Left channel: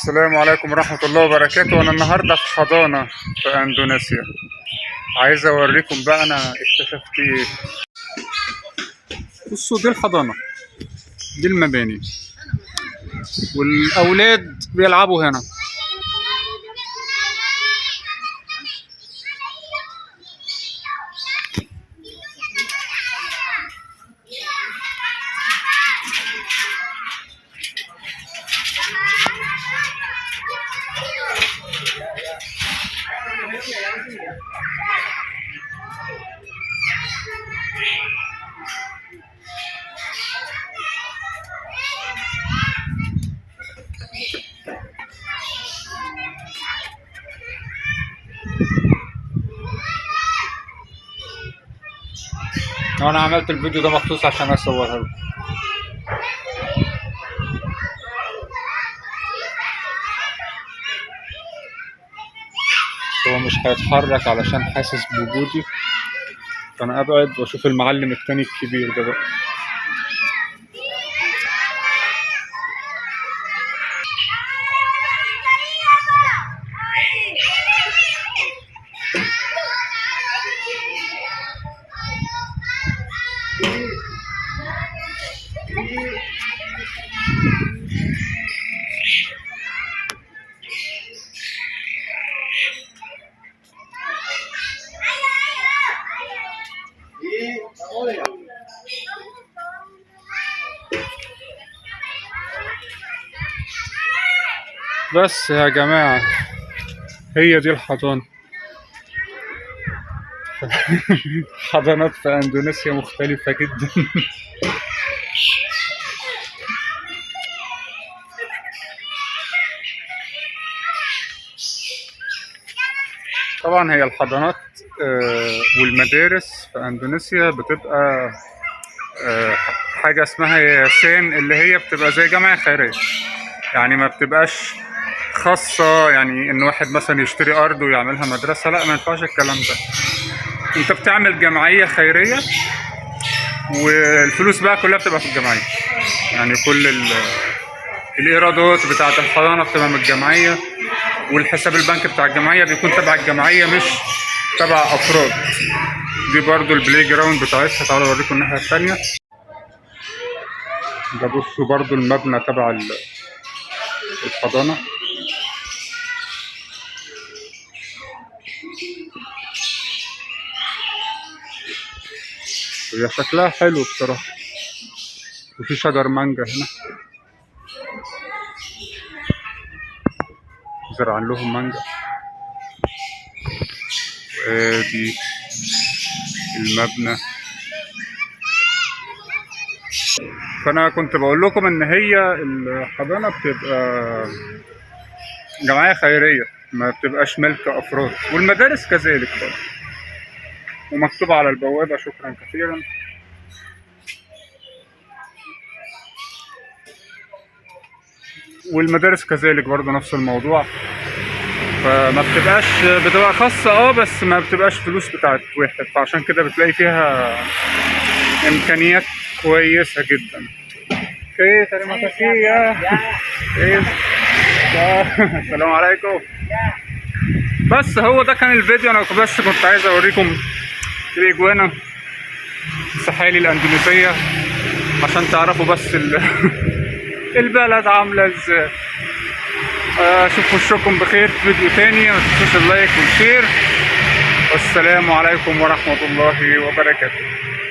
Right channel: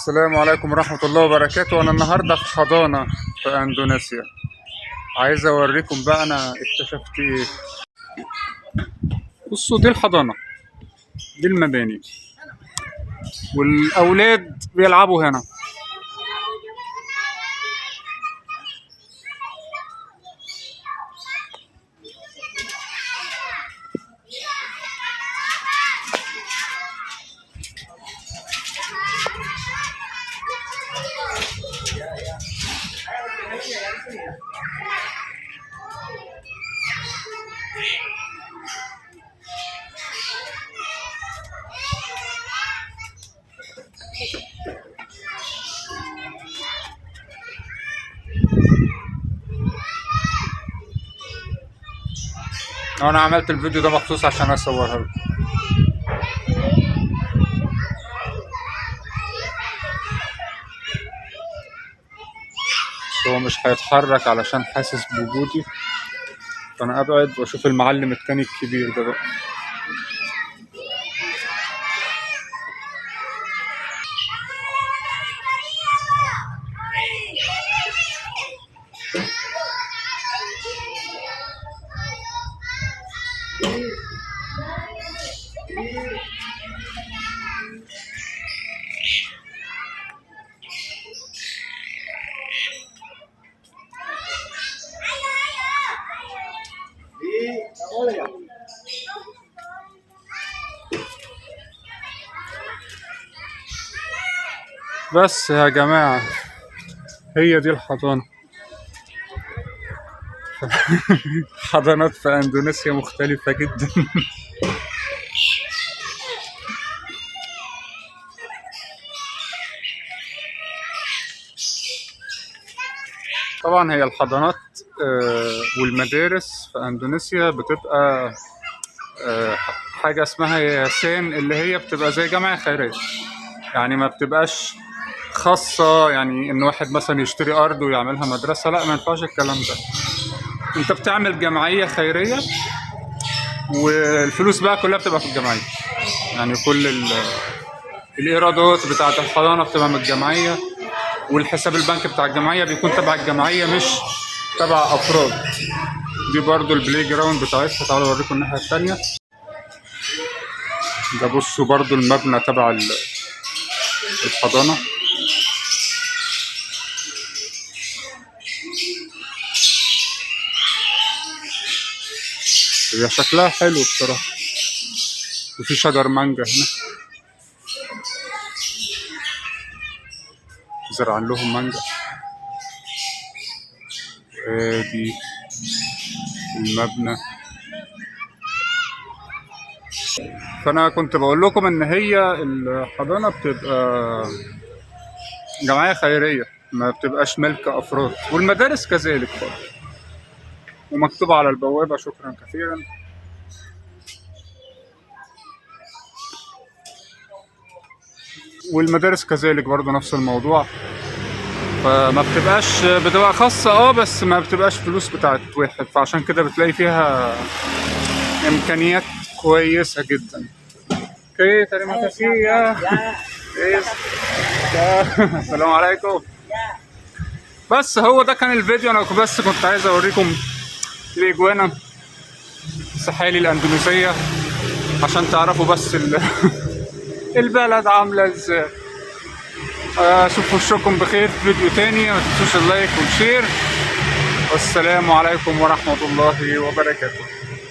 السلام عليكم ورحمة الله وبركاته. أنا النهاردة في حضانة في أندونيسيا. عايز أوريكم بقى أنا اكتشفت إيه. بصوا، دي الحضانة، دي المباني، والأولاد بيلعبوا هنا. أنا عملت الفيديو ده مخصوص عشان أصورها لكم. هو مش هيتحرك علشان حاسس بوجودي، فأنا أبعد وأشوف المعلم التاني الكبير ده بقى. بس يا جماعة، هي دي الحضانة. حضانات في أندونيسيا مختلفة جدا. طبعا هي الحضانات والمدارس في أندونيسيا بتبقى حاجة اسمها ياسين، اللي هي بتبقى زي جمعية خيرية. يعني ما بتبقاش خاصة، يعني إن واحد مثلا يشتري أرض ويعملها مدرسة، لا، ما ينفعش الكلام ده. أنت بتعمل جمعية خيرية، والفلوس بقى كلها بتبقى في الجمعية. يعني كل الإيرادات بتاعة الحضانة بتبقى من الجمعية، والحساب البنك بتاع الجمعية بيكون تبع الجمعية مش تبع أفراد. دي برضو البلاي جراوند بتاعتها. تعالوا أوريكم الناحية التانية. ده بصوا برضو المبنى تبع الحضانة. هي شكلها حلو بصراحة، وفي شجر مانجا هنا، زرعان لهم مانجا. وادي المبنى. فأنا كنت بقول لكم إن هي الحضانة بتبقى جمعية خيرية، ما بتبقاش ملك أفراد، والمدارس كذلك برضه، ومكتوب على البوابة شكرا كثيرا. والمدارس كذلك برضه نفس الموضوع. فما بتبقى خاصة، بس ما بتبقاش فلوس بتاعت واحد، فعشان كده بتلاقي فيها إمكانيات كويسة جدا. اوكي، terima kasih ya. السلام عليكم. بس هو ده كان الفيديو. انا بس كنت عايز اوريكم الاجوانا الساحلي الاندونيسية عشان تعرفوا بس البلد عاملة ازاي. اشوف وشكم بخير في فيديو تاني. ما تنسوش اللايك والشير، والسلام عليكم ورحمة الله وبركاته.